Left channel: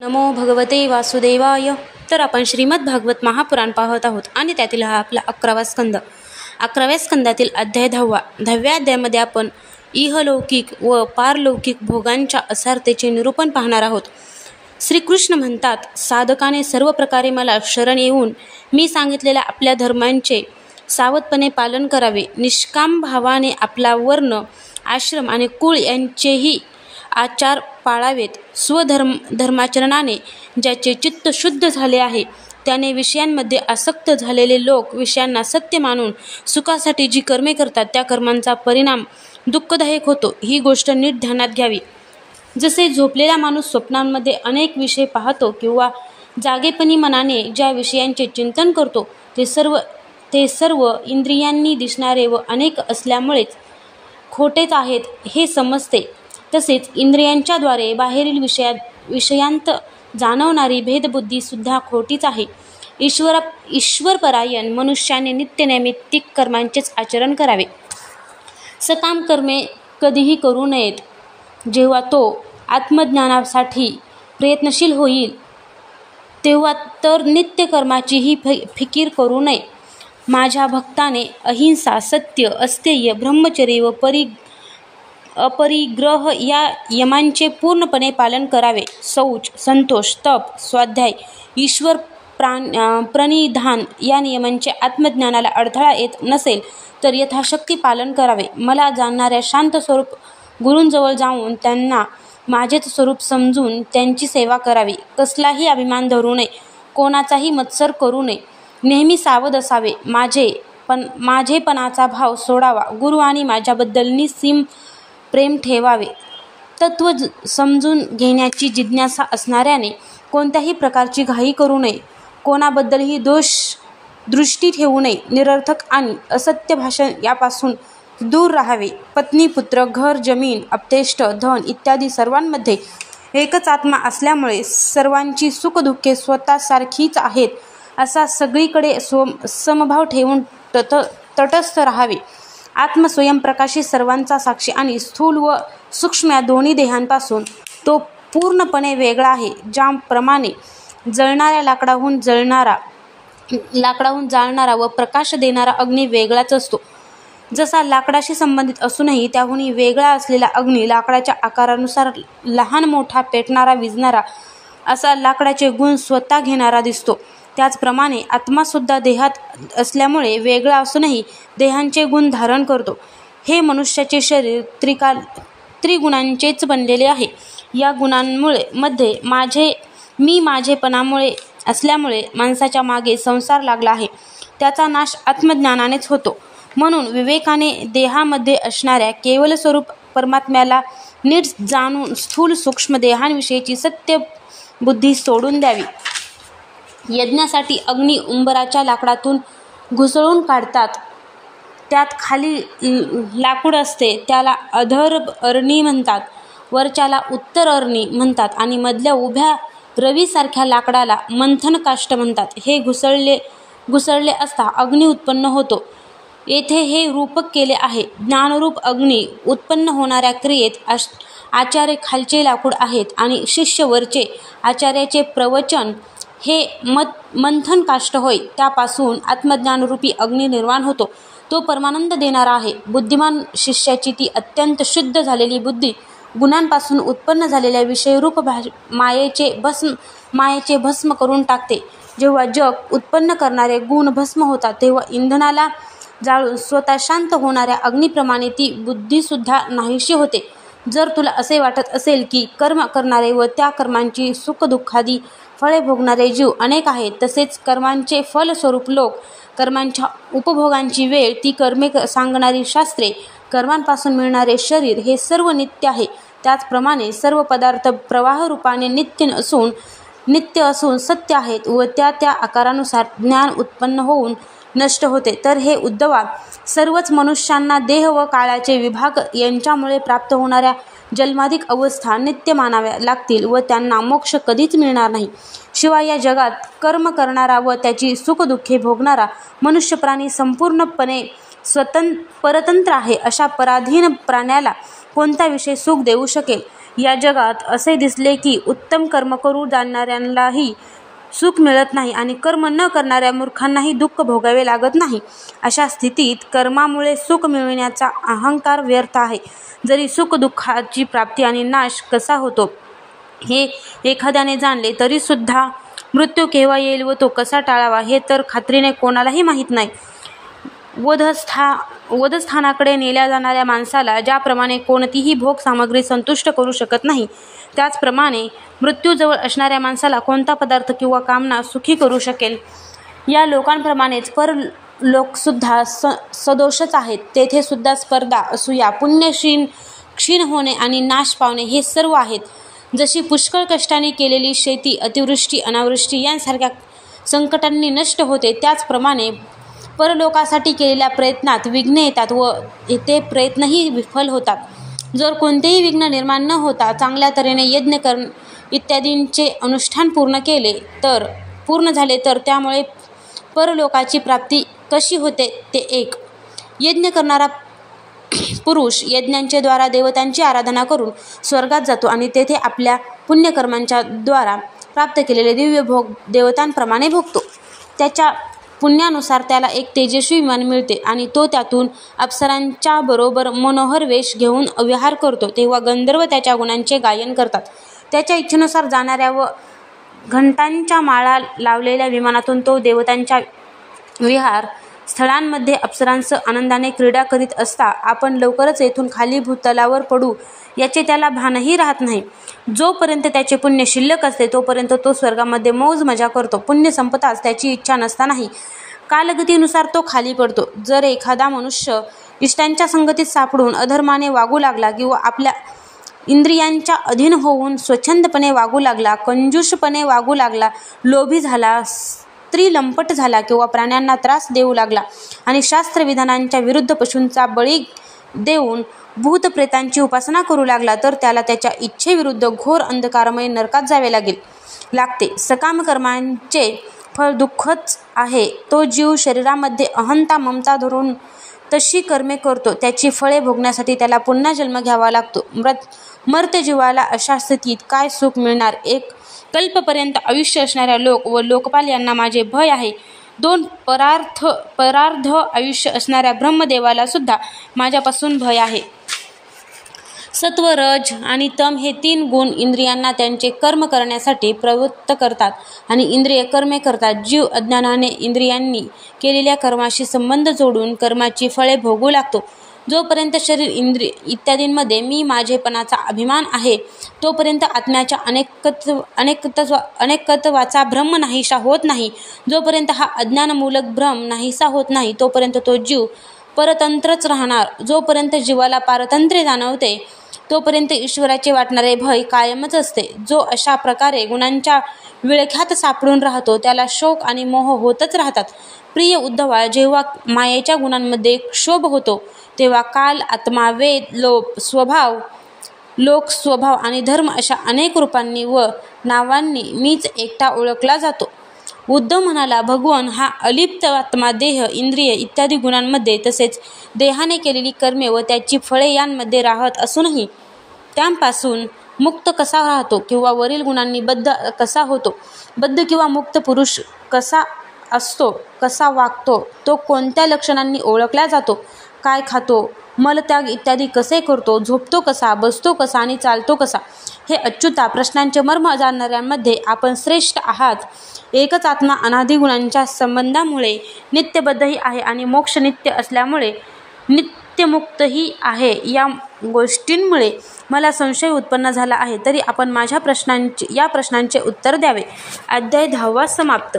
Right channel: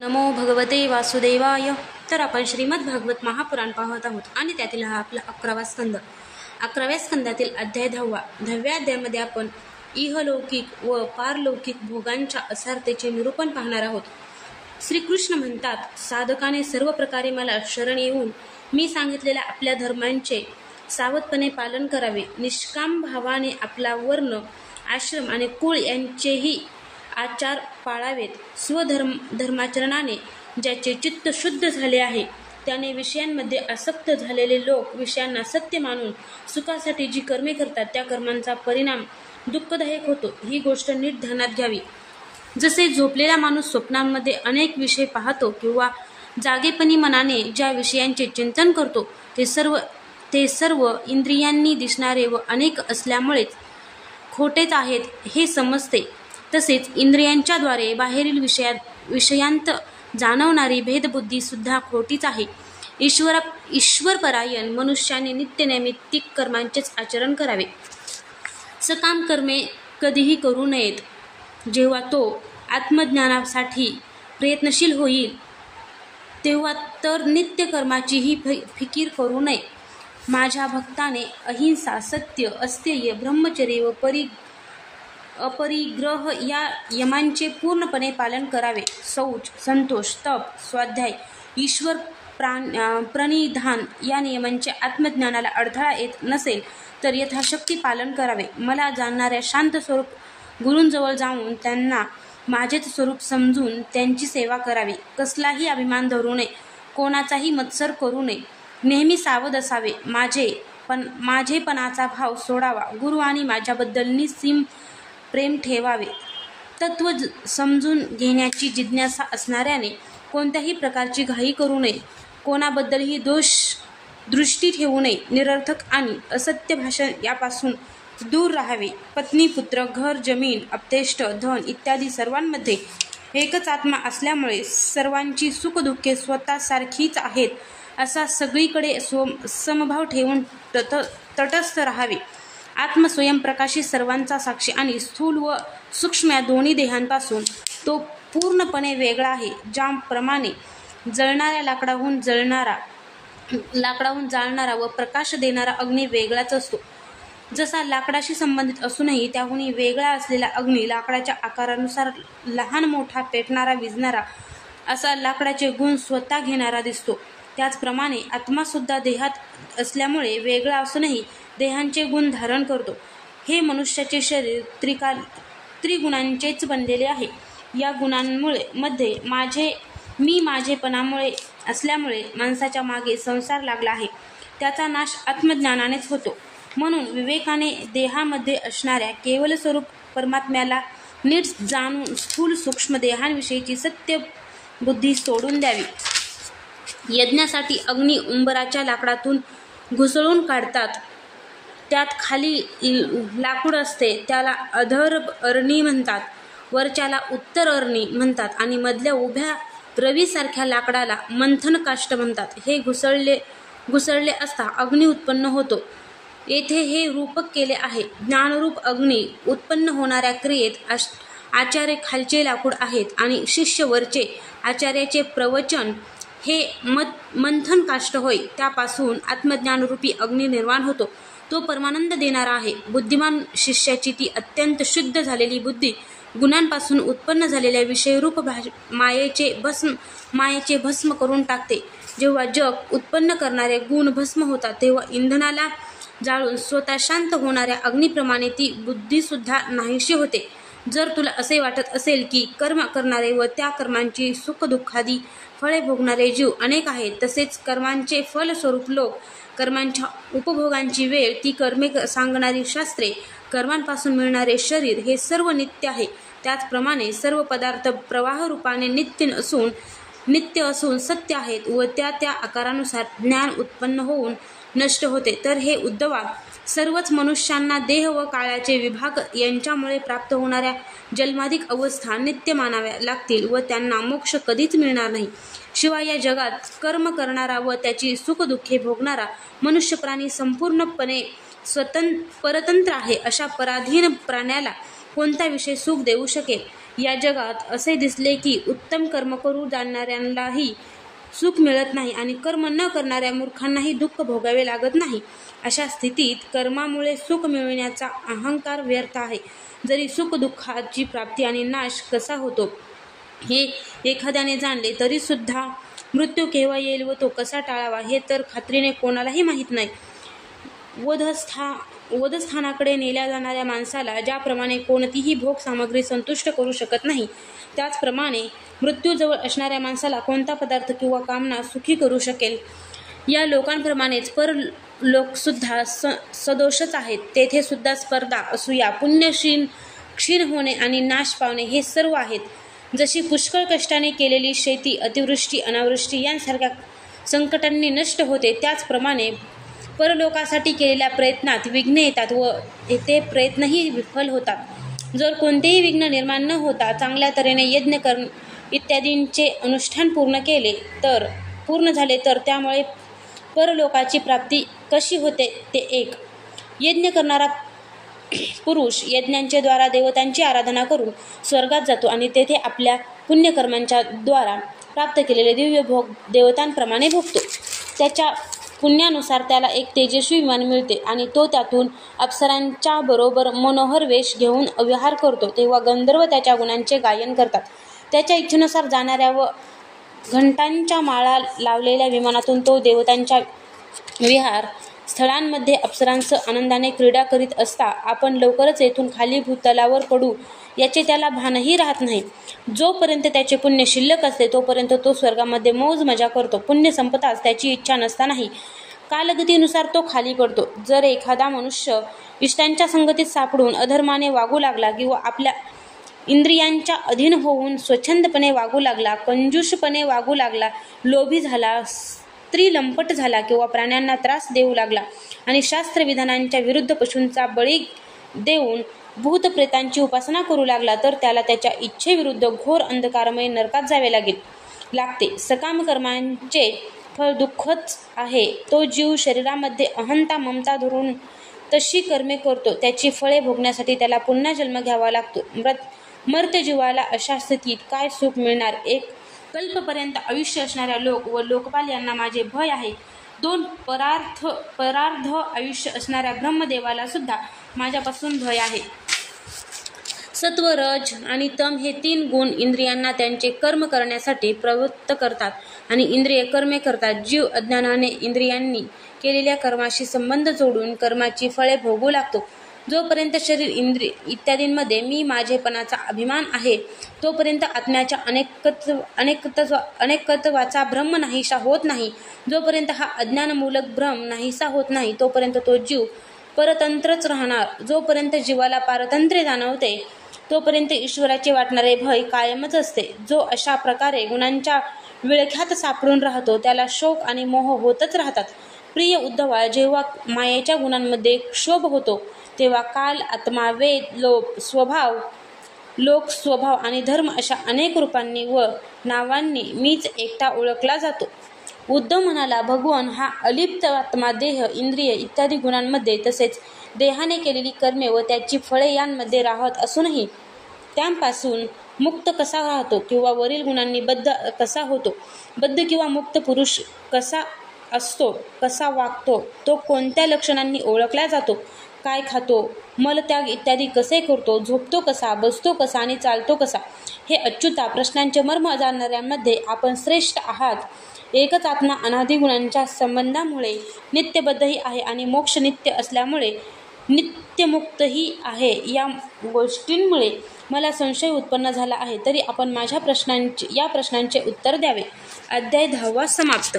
नमो भगवते वासुदेवाय. तर आपण श्रीमद भागवत महापुराण पाहत आहोत आणि त्यातील हा आपला 11वा स्कंद. 11व्या स्कंदातील अध्याय 10व्या अध्यायामध्ये आपण इहलौकिक व पारलौकिक भोगांच्या असारतेचे निरूपण पाहणार आहोत. श्रीकृष्ण म्हणतात, साधकाने सर्व प्रकारे मला शरण येऊन मी सांगितलेल्या आपल्या धर्मांचे सावधपणे पालन करावे. निष्काम भावाने आपला वर्ण, आश्रम आणि कुळ यांचेही आचार पाळावेत. धर्माचरणाने ज्याचे चित्त शुद्ध झाले आहे त्याने विषयांमध्ये आसक्त झालेले लोक विषयांना सत्य मानून सुखासाठी जी कर्मे करतात त्या कर्मांचा परिणाम दुःखदायक होतो. ही गोष्ट नीट ध्यानात घ्यावी. जसे झोपलेला माणूस स्वप्नांमध्ये अनेक विषय पाहतो किंवा जागेपणी मनाने ज्या विषयांचे चिंतन करतो ते सर्व इंद्रियांनी दिसणारे व अनेक असल्यामुळेच खोटेच आहेत हे समजते. तसेच इंद्रियांच्याद्वारे बाहेरील विषयांत जाणवणारी भेदबुद्धी सुद्धा खोटीच आहे. ईश्वरपरायण मनुष्याने नित्यनैमित्तिक कर्मांचेच आचरण करावे. सकाम कर्मे कधीही करू नयेत. जेव्हा तो आत्मज्ञानासाठी प्रयत्नशील होईल तेव्हा तर नित्य कर्माचीही फिकीर करू नये. माझ्या भक्ताने अहिंसा, सत्य, अस्तेय, ब्रह्मचर्य व अपरिग्रह या यमांचे पूर्णपणे पालन करावे. शौच, संतोष, तप, स्वाध्याय, ईश्वर प्रणिधान या नियमांचे आत्मज्ञानाला अडथळा येत नसेल तर यथाशक्ती पालन करावे. मला जाणणाऱ्या शांत स्वरूप गुरूंजवळ जाऊन त्यांना माझेच स्वरूप समजून त्यांची सेवा करावी. कसलाही अभिमान धरू नये, कोणाचाही मत्सर करू नये. नेहमी सावध असावे. माझेपणाचा भाव सोडावा. गुरु आणि माझ्याबद्दल निस्सीम प्रेम ठेवावे. तत्व समजून घेण्याची जिज्ञासा असणाऱ्याने कोणत्याही प्रकारची घाई करू नये. कोणाबद्दलही दृष्टी ठेवू नये. निरर्थक आणि असत्य भाषण यापासून दूर राहावे. पत्नी, पुत्र, घर, जमीन, अपतेष्ट, धन इत्यादी सर्वांमध्ये एकच आत्मा असल्यामुळे सर्वांची सुखदुःखे स्वतःसारखीच आहेत असा सगळीकडे समभाव ठेवून तटस्थ राहावे. आत्मस्वयंप्रकाशित सर्वांचा साक्षी आणि स्थूल व सूक्ष्म या दोन्ही देहांपासून तो पूर्णपणे वेगळा आहे. ज्याप्रमाणे जळणाऱ्या लाकडाहून जाळणारा व प्रकाश देणारा अग्नी वेगळाच असतो. जसा लाकडाशी संबंधित असूनही त्याहूनही वेगळा असलेला अग्नी लाकडाच्या आकारानुसार लहान मोठा, पेटणारा, विझणारा असा लाकडाचे गुण स्वतः घेणारा दिसतो. त्याचप्रमाणे आत्मासुद्धा देहात असल्यामुळे वेगळा असूनही देहांचे गुण धारण करतो. हे मनुष्याचे शरीर त्रिगुणांचेच बनलेले आहे. या गुणांमध्ये माझेपणामुळे असल्यामुळे माणसाच्या मागे संसार लागला आहे. त्याचा नाश आत्मज्ञानानेच होतो. म्हणून विवेकाने देहामध्ये असणाऱ्या केवल स्वरूप परमात्म्याला नीट जाणून स्थूल सूक्ष्म देहांविषयीची सत्य बुद्धी सोडून द्यावी. यज्ञासाठी अग्नी उंबराच्या लाकडातून घुसळून काढतात. त्यात खाली लाकूड असते त्याला अधर अरणी म्हणतात. वरच्याला उत्तर अरणी म्हणतात आणि मधल्या उभ्या रवीसारख्या लाकडाला मंथन काष्ट म्हणतात. हे घुसळले असता अग्नी उत्पन्न होतो. येथे हे रूपक केले आहे. ज्ञानरूप अग्नी उत्पन्न होणाऱ्या क्रियेत आचार्य खालचे लाकूड आहेत आणि शिष्य वरचे. आचार्याचे प्रवचन हे मंथन काष्ट होय. त्यापासून आत्मज्ञानरूपी अग्नी निर्माण होतो. तो परमानंद देणारा आहे. बुद्धिमान शिष्याची ती अत्यंत शुद्ध झालेली बुद्धी गुणांपासून उत्पन्न झालेल्या विषयरूप मायेचे भस्म करून टाकते. जेव्हा जग उत्पन्न करणारे गुण भस्म होतात तेव्हा इंधनाला जाळून स्वतः शांत होणाऱ्या अग्निप्रमाणे ती बुद्धीसुद्धा नाहीशी होते. जर तुला असे वाटत असेल की कर्म करणारे व त्या कर्मांची सुखदुःखादी फळे भोगणारे जीव अनेक आहेत, तसेच कर्मांचे फलस्वरूप लोक, कर्मांच्या उपभोगांची वेळ, ती कर्मे सांगणारी शास्त्रे, कर्मांपासून मिळणारे शरीर हे सर्व नित्य आहे. त्याचप्रमाणे सर्व पदार्थ प्रवाहरूपाने नित्य असून सत्य आहेत व त्या आकारानुसार ज्ञान उत्पन्न होऊन नष्ट होते. तर हे उद्धवा, सर्वच मनुष्यांना देह व काळाचे विभाग यांच्यामुळे प्राप्त होणाऱ्या जन्माधिक अवस्था नित्य मानाव्या लागतील व त्यांना मोक्ष कधीच मिळणार नाही. शिवाय या जगात कर्म करणारा व त्याची सुखदुःखे भोगणारा मनुष्य प्राणी संपूर्णपणे परतंत्र आहे. अशा पराधीन प्राण्याला कोणता विषय सुख देऊ शकेल या जगात असे दिसले की उत्तम कर्म करू जाणणाऱ्यांनाही सुख मिळत नाही आणि कर्म न करणाऱ्या मूर्खांनाही दुःख भोगावे लागत नाही. अशा स्थितीत कर्मामुळे सुख मिळविण्याचा अहंकार व्यर्थ आहे. जरी सुख दुःखाची प्राप्ती आणि नाश कसा होतो हे एखाद्याने जाणले तरी सुद्धा मृत्यू केव्हा येईल व तो कसा टाळावा हे तर खात्रीने कोणालाही माहीत नाही. वधस्थानाकडे नेल्या जाणाऱ्या माणसाला ज्याप्रमाणे कोणतीही भोग सामग्री संतुष्ट करू शकत नाही, त्याचप्रमाणे मृत्यूजवळ असणाऱ्या माणसाला कोणता पदार्थ किंवा कामना सुखी करू शकेल. या लोकांप्रमाणेच परलोकसुद्धा सदोषच आहेत. तेथे सुद्धा स्पर्धा, असूया, पुण्य क्षीण होणे आणि नाश पावणे हे सर्व आहेत. जशी पुष्कळ कष्टाने केलेली शेती अतिवृष्टी अनावृष्टी यांसारख्या संकटांनी नष्ट होते, त्याचप्रमाणे परलोकासाठी केलेल्या प्रयत्नात विघ्ने येतात व ते प्रयत्नही विफल होतात. जर कोणतेही विघ्न निर्माण न होता चांगल्या तऱ्हेने यज्ञ इत्यादींचे अनुष्ठान पूर्ण झाले तर त्यामुळे परलोकाची प्राप्ती कशी होते ते एक. यज्ञ करणारा पुरुष यज्ञांच्या द्वारा देवतांची आराधना करून स्वर्गात जातो आणि तेथे आपल्या पुण्यकर्मांच्या द्वारा प्राप्त केलेले दिव्य भोग देवतांप्रमाणे भोगतो. त्याच्या पुण्यानुसार त्याला एक तेजस्वी विमान मिळते आणि तो त्यातून अप्सरांच्या बरोबर मनोहर वेश घेऊन विहार करतो. तेव्हा गंधर्व त्याच्या गुणांचे गायन करतात. त्याच्या इच्छेनुसार जाणाऱ्या व घंटांच्या माळा लावलेल्या विमानातून तो देवतांच्या विहार स्थळांमध्ये अप्सरांसह आनंदाने क्रीडा करीत असता आपण लवकरच येथून खाली भूतलावर पडू याचे त्याला भानही राहत नाही. जोपर्यंत त्याचे पुण्य शिल्लक असते तोपर्यंत तो स्वर्गामध्ये मौज मजा करतो. पुण्य संपताच त्याची इच्छा नसतानाही कालगतीनुसार तो खाली पडतो. जर एखादा मनुष्य इष्टांच्या संगतीत सापडून अधर्माने वागू लागला किंवा आपल्या इंद्रियांच्या अधीन होऊन स्वच्छंदपणे वागू लागला, कंजूषपणे वागू लागला, लोभी झाला, स्त्री लंपट झाला किंवा प्राण्यांना त्रास देऊ लागला आणि शास्त्रविधानांच्या विरुद्ध पशूंचा बळी देऊन भूतप्रेतांची उपासना करू लागला तर त्याला त्याच्या इच्छेविरुद्ध घोर अंधकारमय नरकात जावे लागते. सकाम कर्मांचे फळ दुःखच आहे. तो जीव शरीरामध्ये अहंता ममता धरून तशी कर्मे करतो. त्याची फळे भोगण्यासाठी त्याला पुन्हा जन्म घ्यावा लागतो. मर्त्य जीवाला अशा स्थितीत काय सुख मिळणार? एक कल्पपर्यंत आयुष्य असणाऱ्या लोक व लोकपाल यांना माझे भय आहे. 2 परार्ध आयुष्य असणाऱ्या ब्रह्मदेवाला सुद्धा माझ्यापासून भय आहे. सत्व, रज आणि तम हे 3 गुण इंद्रियांना त्यांचे कर्म करण्यासाठी प्रवृत्त करतात आणि इंद्रिय कर्मे करतात. जीव अज्ञानाने इंद्रियांनी केलेल्या कर्माशी संबंध जोडून कर्माची फळे भोगू लागतो. जोपर्यंत शरीर इंद्रिय इत्यादींमध्ये मी माझेपणाचा अभिमान आहे तोपर्यंत आत्म्याच्या अनेकत्वाचा भ्रम नाहीसा होत नाही. जोपर्यंत हा अज्ञानमूलक भ्रम नाहीसा होत नाही तोपर्यंत तो जीव परतंत्रच राहणार. जोपर्यंत जीवाला पारतंत्र्य जाणवते तोपर्यंत ईश्वराचे वाटणारे भय कायमच असते. जो अशा प्रकारे गुणांच्या विळख्यात सापडून राहतो त्याला शोक आणि मोह होतच राहतात. प्रिय उद्धवा, जेव्हा मायेच्या गुणांमध्ये क्षोभ होतो तेव्हा काल, आत्मा, वेद, लोक स्वभाव आणि धर्म अशा अनेक रूपांनी व नावांनी मीच एकटा ओळखला जातो. उद्धव म्हणाला, भगवान हा अलिप्त आत्मा देह, इंद्रिय इत्यादी गुणांमध्ये तसेच देहाने केलेली कर्मे व त्याची फळे यांमध्ये राहत असूनही त्यांपासून मुक्त कसा राहतो किंवा वरील गुणांनी बद्ध कसा होतो? बद्ध किंवा मुक्त पुरुष कसा असतो, कसा वागतो, तो कोणत्या लक्षणांनी ओळखला जातो, काय खातो, मलत्याग इत्यादी कसे करतो, झोपतो कसा, बसतो कसा आणि चालतो कसा? हे अच्युता, प्रश्नांचे मर्म जाणणाऱ्यांमध्ये आपण श्रेष्ठ आहात. एकच आत्मा अनादि गुणांच्या संबंधामुळे नित्यबद्धही आहे आणि मोक्ष नित्य असल्यामुळे नित्यमुक्तही आहे. या गोष्टींमुळे मला संशय उत्पन्न झाला आहे. तरी आपण माझ्या या प्रश्नांचे उत्तर द्यावे. अध्याय 10 समाप्त.